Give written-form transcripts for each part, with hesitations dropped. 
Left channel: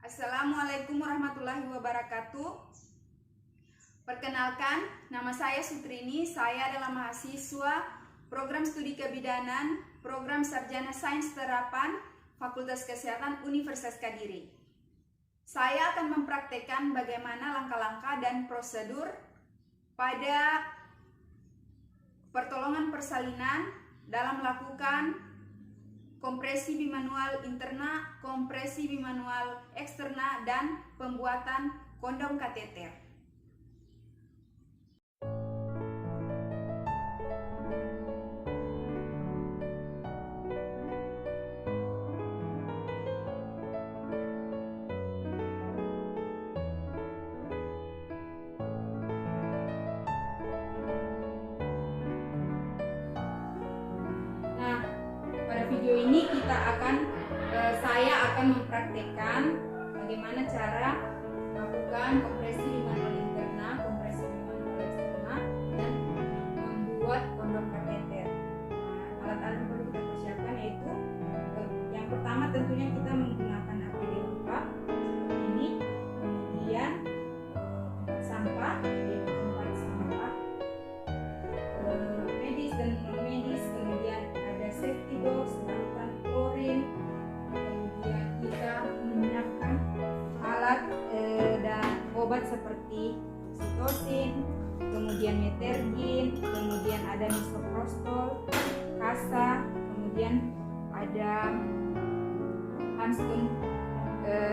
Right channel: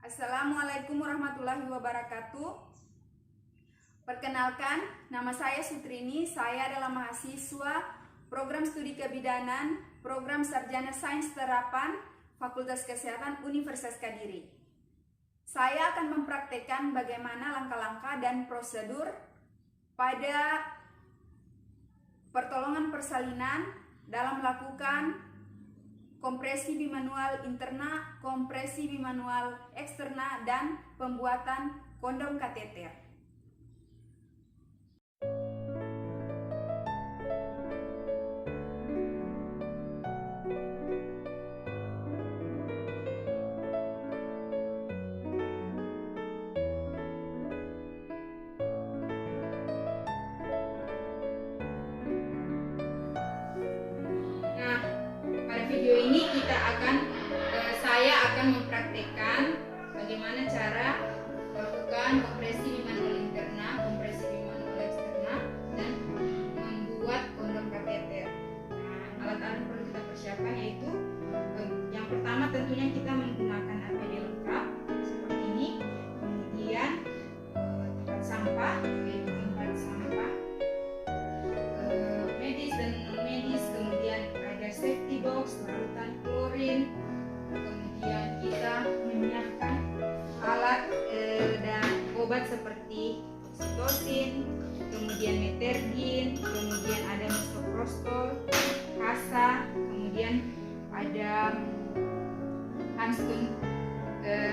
Assalamualaikum warahmatullahi wabarakatuh. Perkenalkan, nama saya Sutrini. Saya adalah mahasiswa Program Studi Kebidanan, Program Sarjana Sains Terapan, Fakultas Kesehatan Universitas Kediri. Saya akan mempraktekkan bagaimana langkah-langkah dan prosedur pada pertolongan persalinan dalam melakukan kompresi bimanual interna, kompresi bimanual eksterna, dan pembuatan kondom kateter. Video ini saya akan mempraktekkan bagaimana cara melakukan kompresi bimanual interna, kompresi bimanual eksterna, dan membuat kondom kateter. Alat-alat yang perlu kita persiapkan yaitu yang pertama tentunya kita menggunakan APD lengkap seperti ini, kemudian tempat sampah yaitu tempat sampah medis dan non medis, kemudian ada safety box, larutan klorin, kemudian kita menyiapkan alat dan obat seperti oksitosin, kemudian metergin, kemudian ada misoprostol, kasa, kemudian ada handskun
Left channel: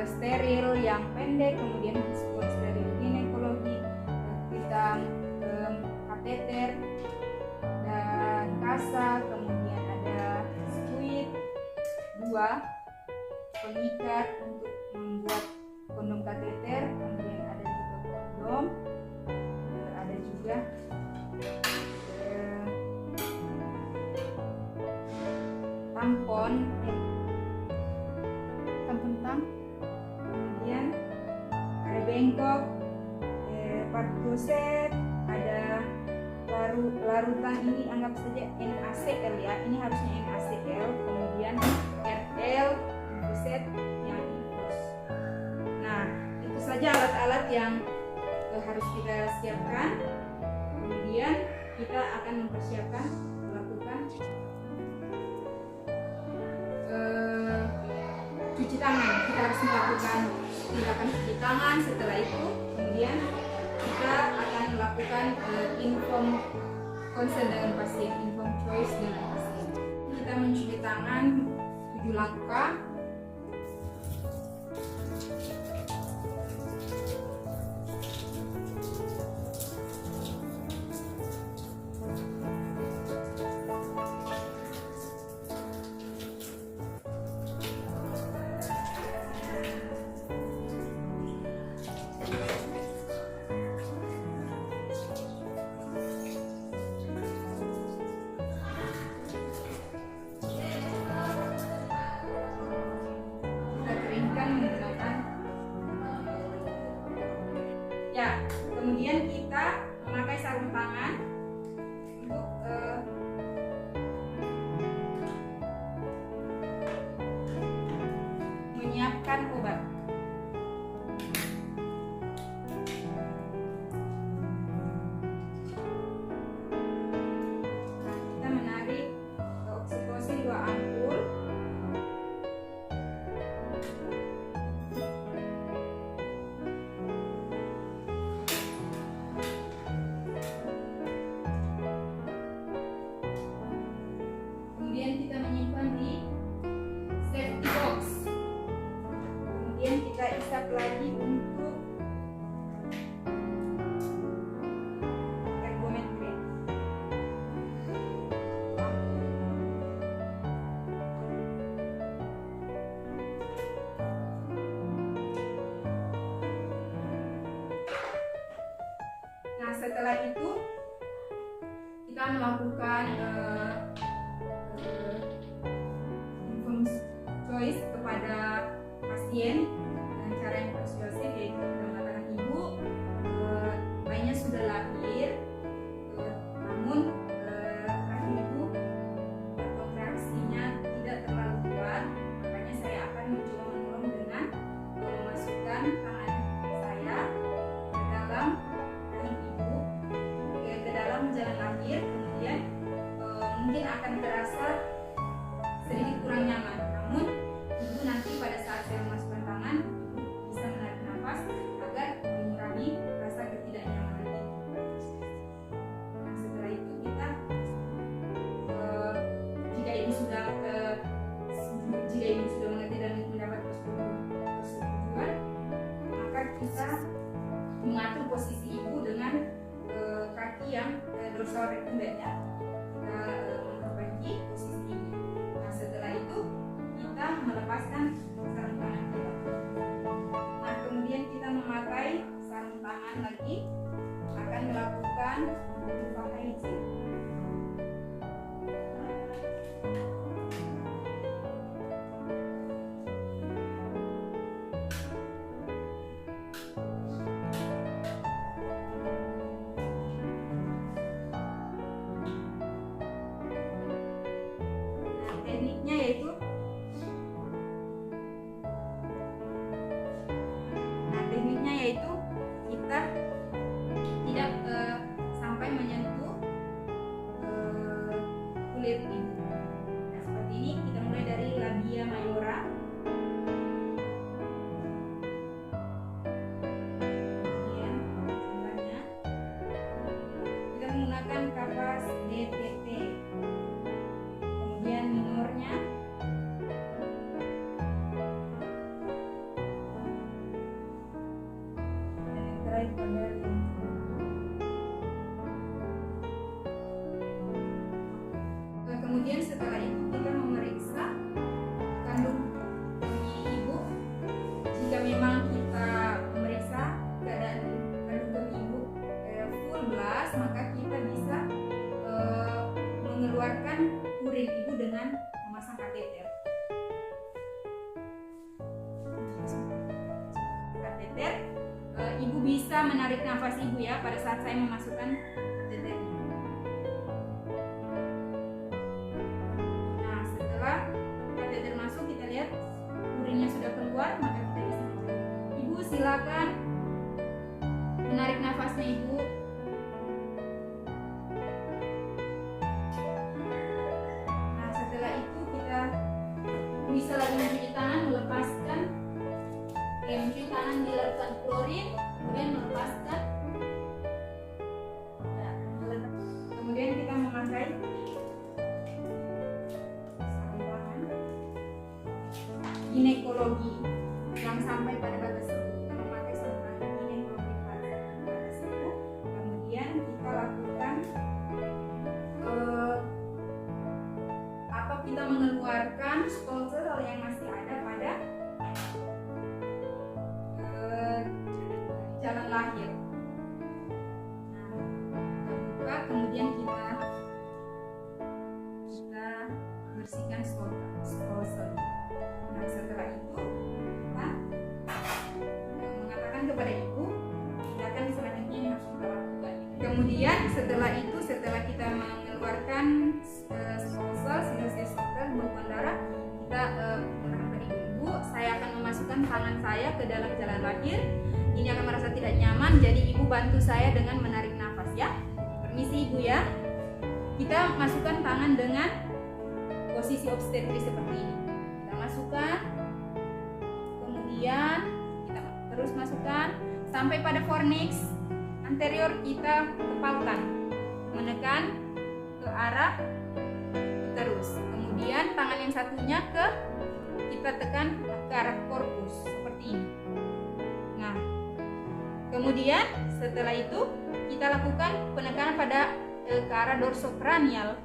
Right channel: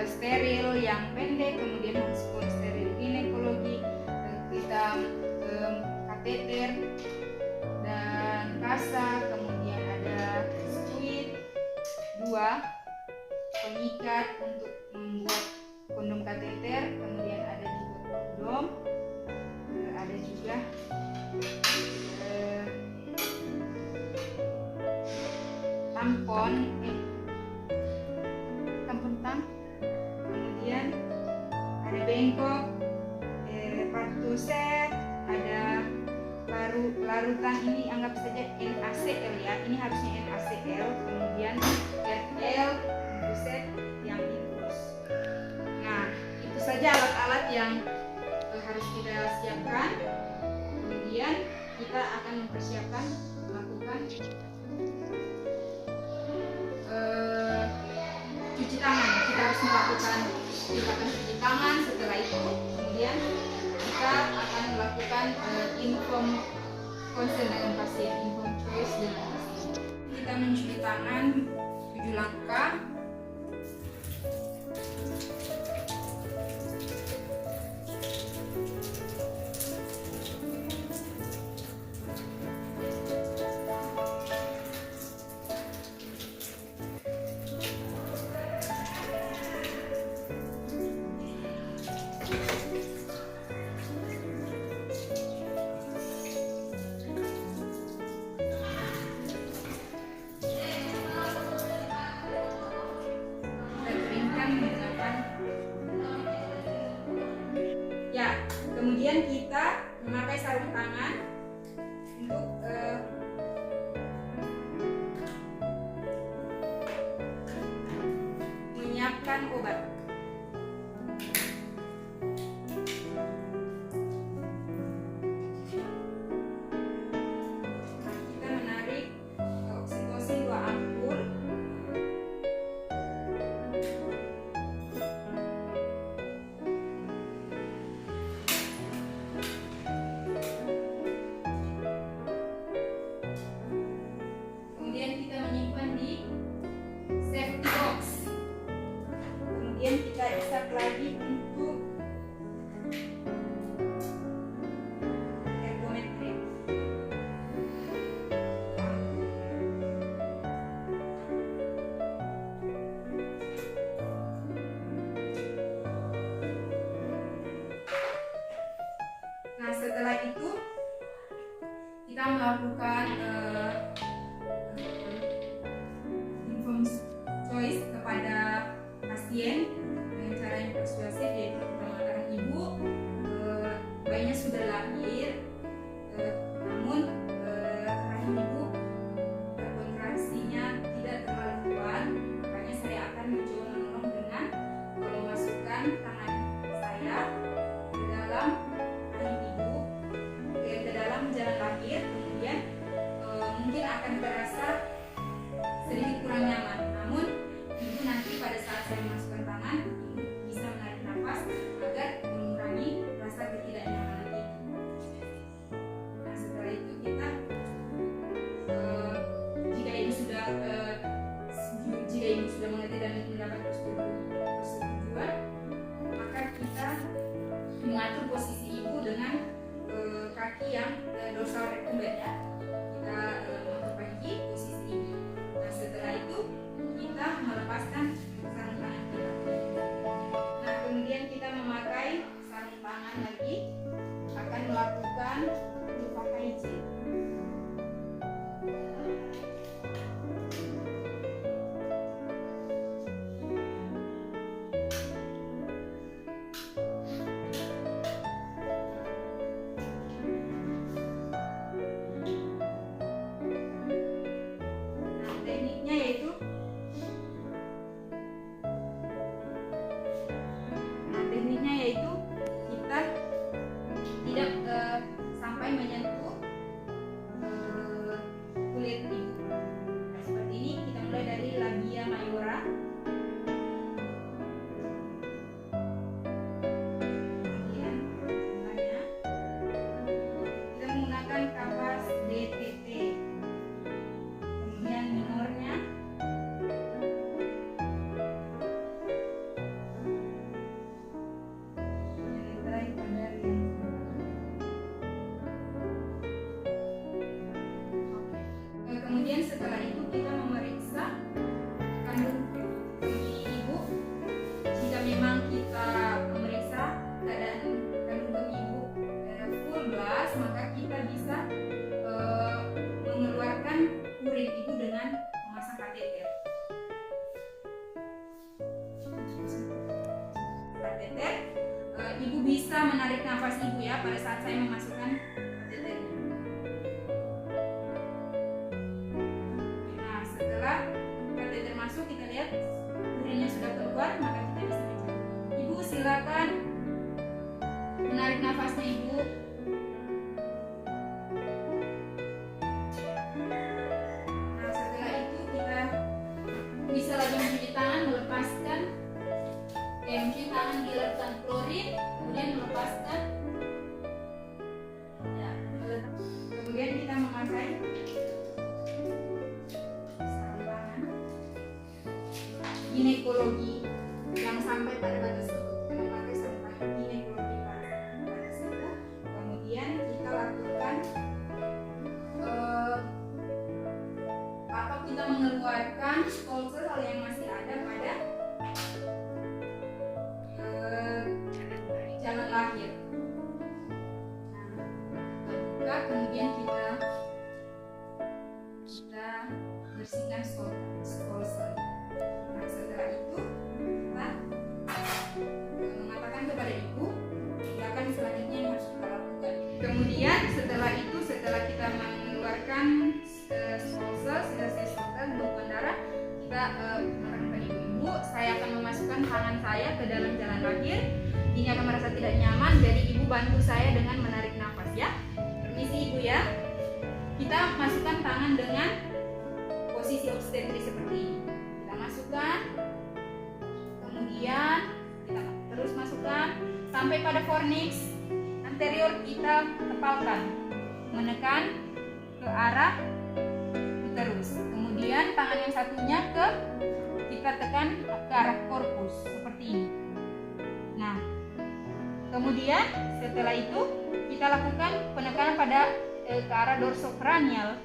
steril yang pendek, kemudian handskun steril ginekologi, kita kateter dan kasa, kemudian ada squid 2, pengikat untuk membuat kondom kateter, kemudian ada juga kondom, ada juga tampon tang, kemudian ada bengkok, kartu set, ada larutan ini anggap saja NaCl ya, ini harusnya NaCl, kemudian RL untuk set yang infus. Nah, itu saja alat-alat yang harus kita siapkan. Kemudian kita akan mempersiapkan melakukan cuci tangan. Kita harus melakukan tindakan cuci tangan. Setelah itu kemudian kita akan melakukan inform consent dengan pasien, inform choice dengan pasien. Kita mencuci tangan 7 langkah. Kemudian kita memakai sarung tangan untuk menyiapkan obat. Nah, kita menarik oksitosin 2 ampul. Kita menyimpan di safety box. Kemudian kita isap lagi untuk ergometrik. Nah, setelah itu kita melakukan choice kepada pasien dengan cara yang persuasif, yaitu kita mengatakan ibu bayinya sudah lahir, namun rahim ibu kontraksinya tidak terlalu kuat, makanya saya akan mencoba menolong dengan masuk lakukan untuk pakai izin. Tekniknya yaitu kita tidak sampai menyentuh kulit ibu. Nah, seperti ini kita mulai dari labia mayora, kemudian sebelahnya kita menggunakan kapas DTT, kemudian minornya, kemudian setelah itu kita memeriksa kandung kemih ibu. Jika memang kita memeriksa keadaan kandung kemih ibu full blast, maka kita bisa mengeluarkan urin ibu dengan memasang kateter. Ibu bisa menarik nafas ibu ya pada saat saya memasukkan kateternya. Nah, setelah kateter masuk, kita lihat urinnya sudah keluar, maka kita bisa mencoba. Ibu silakan menarik nafasnya ibu. Nah, setelah itu kita bisa lagi mencuci tangan, mencuci tangan di lautan klorin, kemudian melepaskan ya, kemudian kita memakai sarung tangan ginekologi yang sampai pada batas siku. Kita memakai sarung tangan ginekologi pada batas siku, kemudian kita lakukan atau kita mengeluarkan stolsel yang masih ada pada jalan lahir. Buka, kemudian kita bersihkan stolsel. Nah, setelah itu kita mengatakan kepada ibu tindakan selanjutnya yang harus kita lakukan. Kemudian setelah kita mengeluarkan stolsel, sisa-sisa stolsel, bekuan darah, kita mengatakan kepada ibu, saya akan memasukkan tangan saya ke dalam jalan lahir. Jika akan merasa tidak nyaman, jadi ibu bantu saya dengan menarik nafas ya. Permisi ibu ya. Kita masukkan tangan dengan posisi obstetris seperti ini. Kita masukkan, kemudian kita terus masukkan sampai pada fornix anterior, kita tepalkan, menekan ke arah uterus. Kemudian tangan yang satunya kita tekan ke arah korpus seperti ini. Nah, kemudian setelah itu kita lakukan penekanan pada ke arah dorsokranial.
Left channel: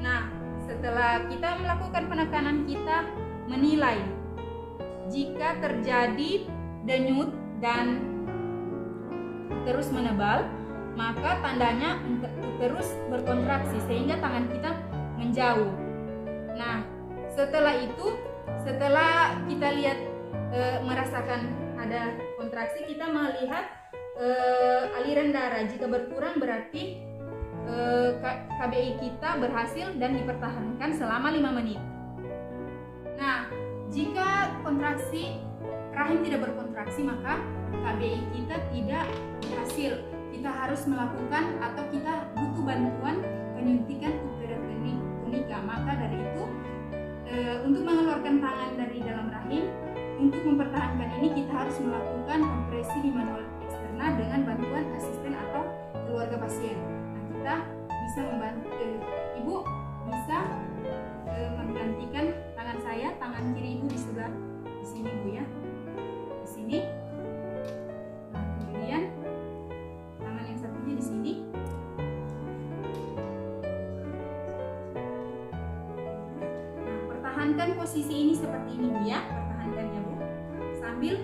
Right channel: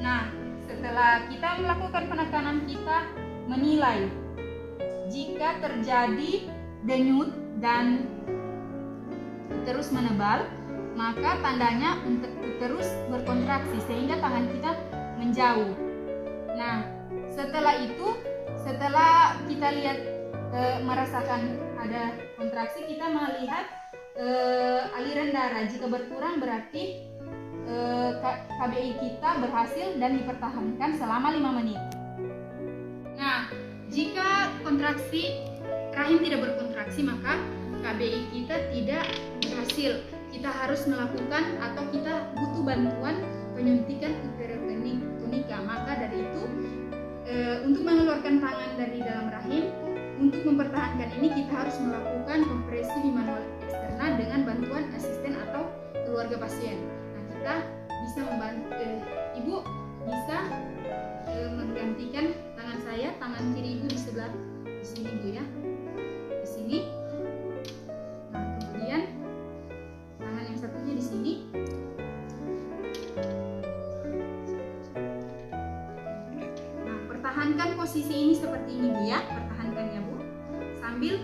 Nah, setelah kita melakukan penekanan, kita menilai jika terjadi denyut dan uterus menebal, maka tandanya uterus berkontraksi sehingga tangan kita menjauh. Nah, setelah kita lihat merasakan ada kontraksi, kita melihat aliran darah. Jika berkurang berarti KBI kita berhasil dan dipertahankan selama 5 menit. Nah, jika kontraksi rahim tidak berkontraksi, maka KBI kita tidak berhasil. Kita harus melakukan atau kita butuh bantuan penyuntikan uterotonika. Maka dari itu untuk mengeluarkan tangan dari dalam rahim, untuk mempertahankan ini kita harus melakukan kompresi bimanual eksterna dengan bantuan asisten atau keluarga pasien. Nah, kita bisa membantu, ibu bisa menggantikan tangan saya, tangan kiri ibu di sebelah di sini bu ya, di sini. Nah, kemudian tangan yang satunya di sini. Nah, pertahankan posisi ini seperti ini bu ya, pertahankannya bu. Sambil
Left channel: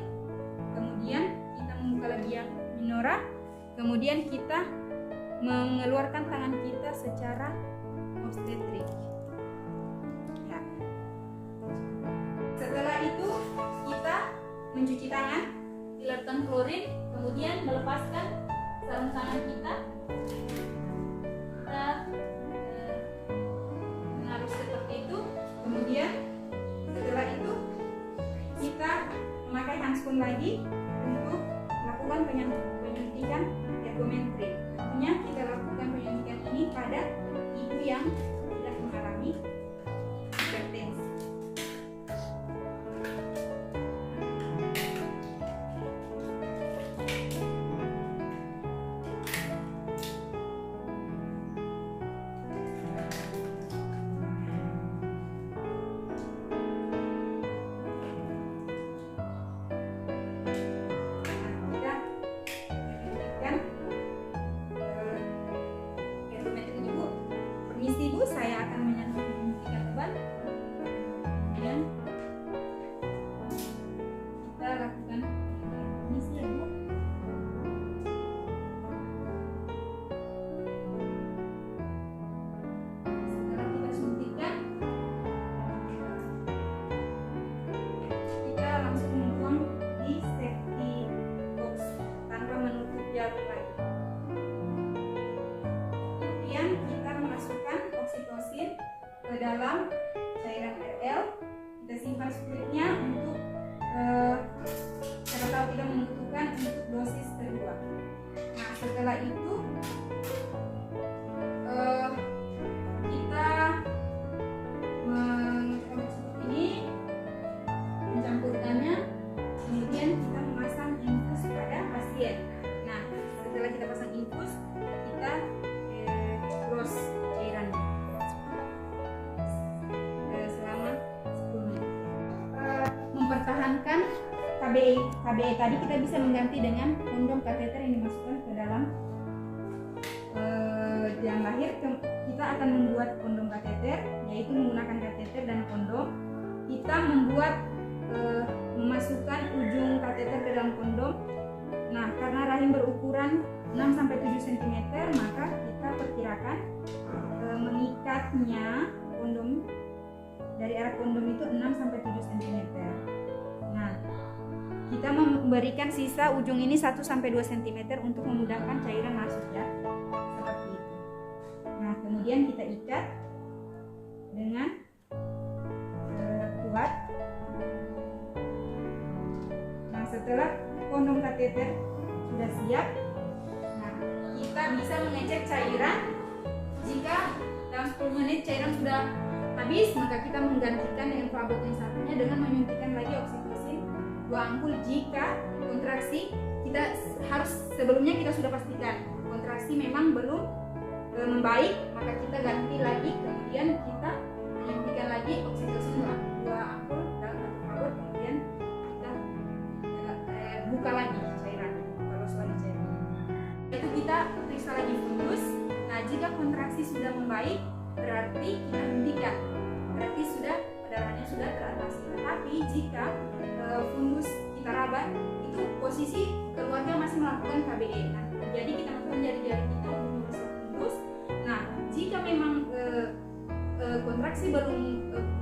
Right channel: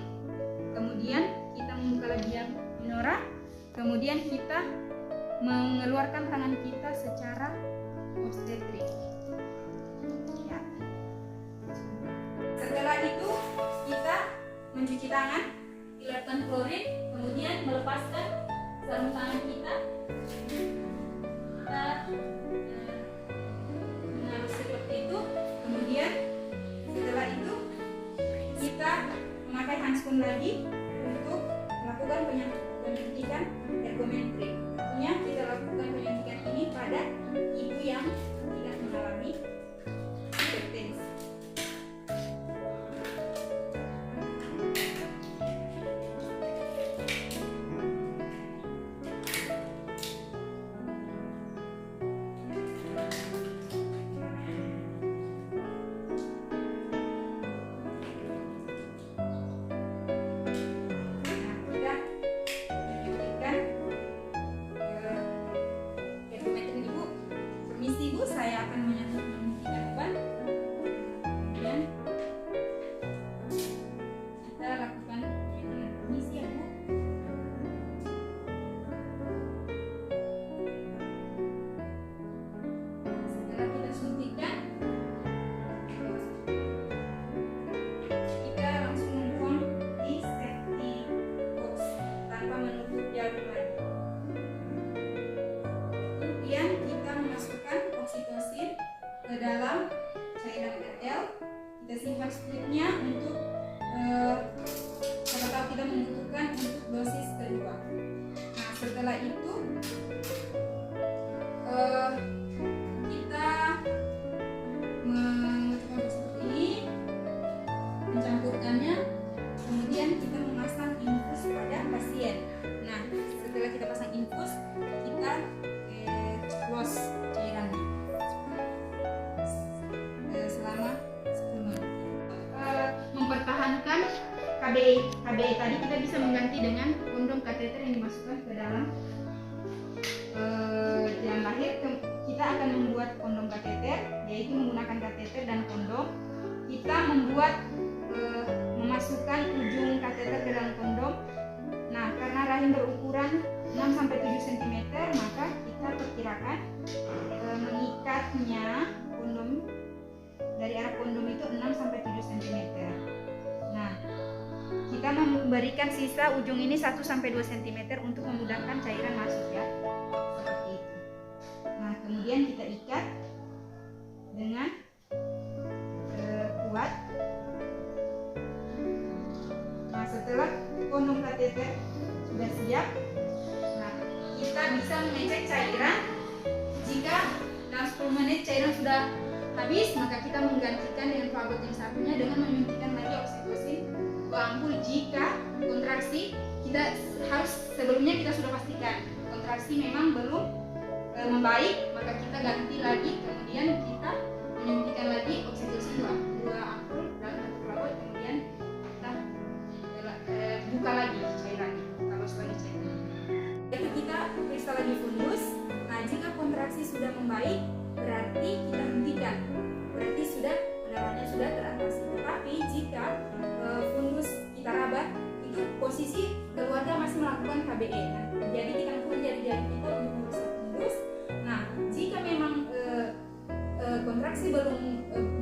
kemudian kita membuka labia minora, kemudian kita mengeluarkan tangan kita secara obstetrik. Ya. Setelah itu kita mencuci tangan, dilakukan klorin, kemudian melepaskan sarung tangan kita. Kita menaruh seperti itu, kemudian setelah itu kita memakai handphone lagi untuk melakukan penyuntikan ergometri. Tentunya kita lakukan penyuntikan ini pada ibu yang tidak mengalami hipertensi. Permisi Bu, saya akan menyuntikkan obat. Kemudian kita lakukan penyuntikan. Permisi ya Bu. Setelah kita suntikan, kita langsung membuang di safety box tanpa menutup jarum lagi. Kemudian kita memasukkan oksitosin ke dalam cairan RL. Kita simpan stripnya untuk siapa tahu kita membutuhkan untuk dosis kedua. Nah, setelah itu kita mengeluarkan seperti ini, mencampurkannya, kemudian kita memasang infus pada pasien. Nah, setelah kita pasang infus, kita close cairannya selama 10 menit. Mempertahankan KBE tadi kita bisa mengganti dengan kondom kateter yang dimasukkan ke dalam jalan lahir. Kita akan membuat kondom kateter, yaitu menggunakan kateter dan kondom. Kita membuat memasukkan ujung kateter ke dalam kondom. Nah, karena rahim berukuran 6-7 cm, maka kita perkirakan mengikatnya kondom dari arah kondom itu 6-7 cm. Nah, kita memberikan sisa ujung ini 1-2 cm untuk memudahkan cairan masuk ya, seperti itu. Nah, kemudian kita ikat dengan kuat. Nah, setelah kondom kateter sudah siap, kita bisa mengecek cairan. Jika dalam 10 menit cairan sudah habis, maka kita menggantikan dengan pelabot yang satunya dengan menyuntikkan lagi oksitosin 2 ampul. Jika kontraksi, kita harus sebelumnya kita sudah pastikan kontraksi memang belum membaik, maka kita ganti lagi, kemudian kita menyuntikkan lagi oksitosin 2 ampul dalam satu pelabot, kemudian kita buka lagi cairannya, terus lagi cairannya. Itu kita periksa lagi fundus. Nah, jika kontraksi sudah membaik, berarti kita hentikan, berarti sudah pendarahannya sudah teratasi. Tetapi jika fundus kita raba, itu posisi keluarga masih melakukan KBE. Nah, jadi kita lakukan jari-jari kita untuk mengusir fundus. Nah, jika memang kontraksi belum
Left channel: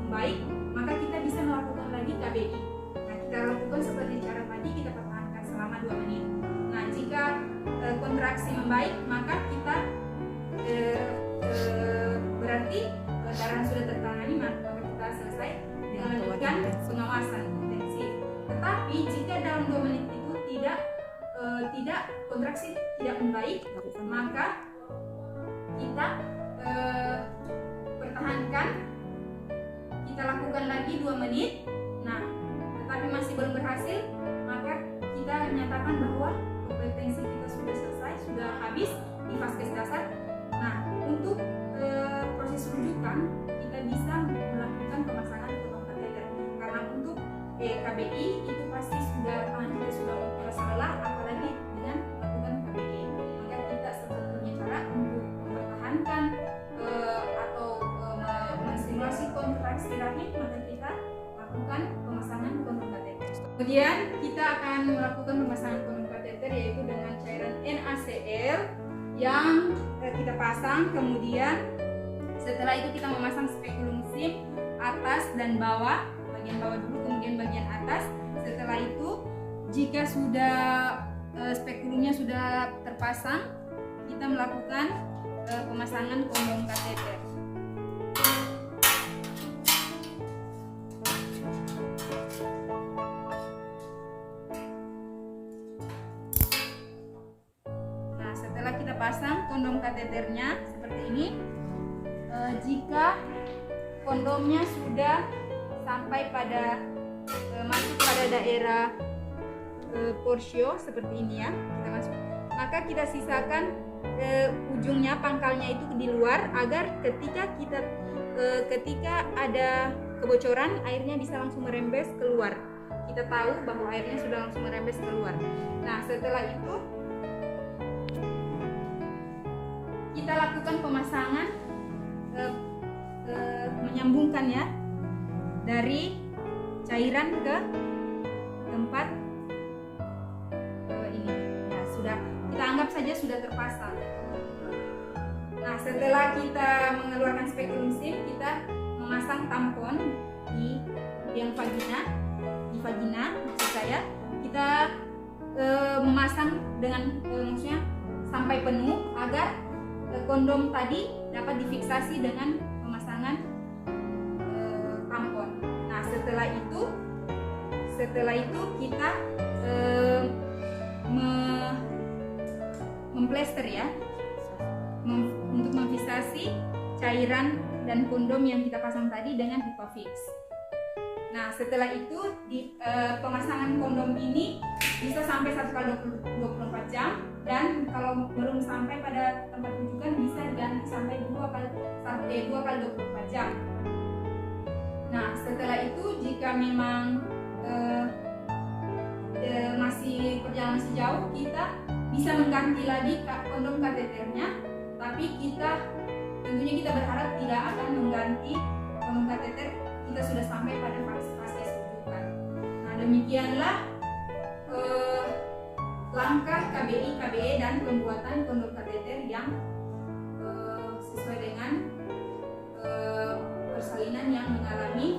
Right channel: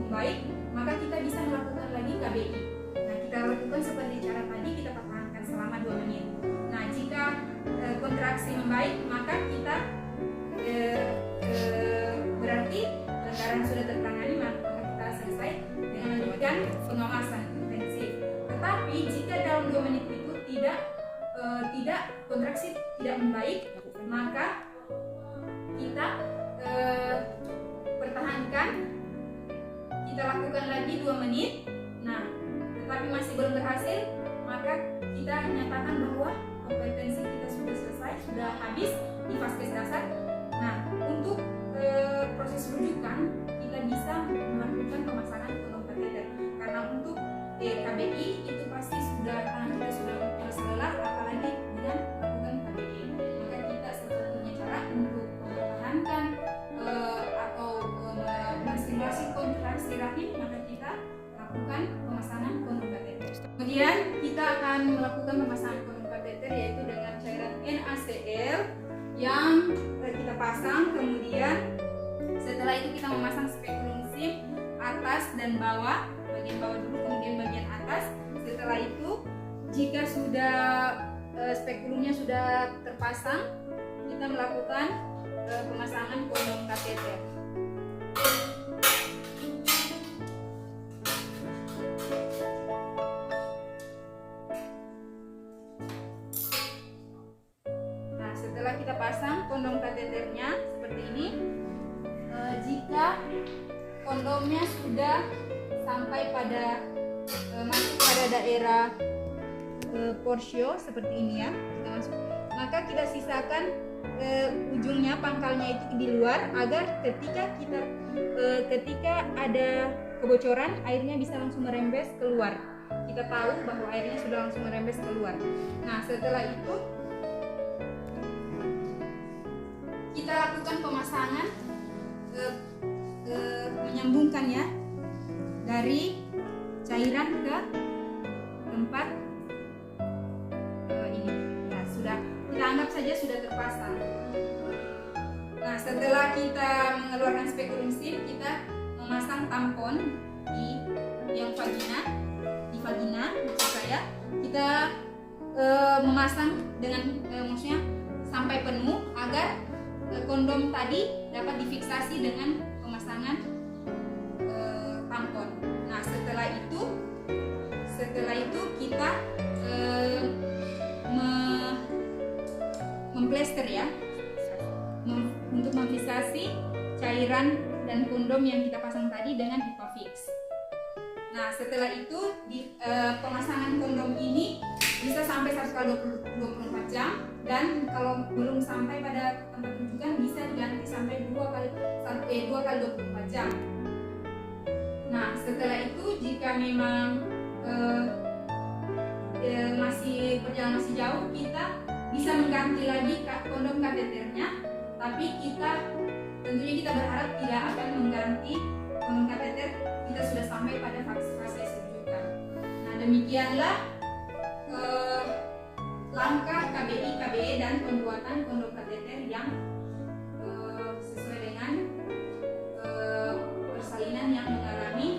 membaik, maka kita bisa melakukan lagi KBI. Nah, kita lakukan seperti cara tadi, kita pertahankan selama 2 menit. Nah, jika kontraksi membaik, maka kita berarti darah sudah tertangani, maka kita selesai dengan melanjutkan pengawasan intensif. Tetapi jika dalam 2 menit itu tidak kontraksi tidak membaik, maka kita pertahankan, kita lakukan lagi 2 menit. Nah, tetapi masih belum berhasil, maka kita nyatakan bahwa kompetensi kita sudah selesai, sudah habis di vaskes dasar. Nah, untuk proses rujukan kita bisa melakukan pemasangan kondom kateter, karena untuk KBI itu pasti kita sudah merasa lelah, apalagi dengan melakukan KBI. Maka kita satu-satunya cara untuk mempertahankan atau menstimulasi kontraksi rahim, maka kita lakukan pemasangan kondom kateter. Kemudian kita akan melakukan pemasangan kondom kateter yaitu dengan cairan NaCl yang kita pasang. Kemudian setelah itu kita memasang spekulum SIM atas dan bawah, bagian bawah dulu kemudian bagian atas. Setelah itu jika sudah spekulumnya sudah terpasang, kita melakukan pemasangan kondom kateter. Nah, setelah kita pasang kondom kateternya seperti ini, jika kondomnya sudah sampai pada masuk pada daerah porsio seperti ini ya, kita masuk, maka kita sisakan ujungnya, pangkalnya itu di luar, agar ketika ada kebocoran airnya bisa langsung merembes keluar. Kita tahu bahwa airnya sudah langsung merembes keluar. Nah, setelah itu kita lakukan pemasangan, menyambungkannya dari cairan ke tempat ini. Ya, sudah, kita anggap saja sudah terpasang. Nah, setelah kita mengeluarkan spekulum SIM, kita memasang tampon di vagina maksud saya. Kita memasang dengan maksudnya sampai penuh, agar kondom tadi dapat difiksasi dengan pemasangan tampon. Nah, setelah itu kita memplester ya, untuk memfiksasi cairan dan kondom yang kita pasang tadi dengan Hipafix. Nah, setelah itu pemasangan kondom ini bisa sampai 1 kali 24 jam, dan kalau belum sampai pada tempat rujukan bisa diganti sampai 2 kali 24 jam. Nah, setelah itu jika memang perjalanan masih jauh, kita bisa mengganti lagi kondom kateternya, tapi tentunya kita berharap tidak akan mengganti kondom kateter kita sudah sampai pada fase rujukan. Nah, demikianlah langkah KBI, KBE dan pembuatan kondom kateter yang sesuai dengan persalinan yang mengalami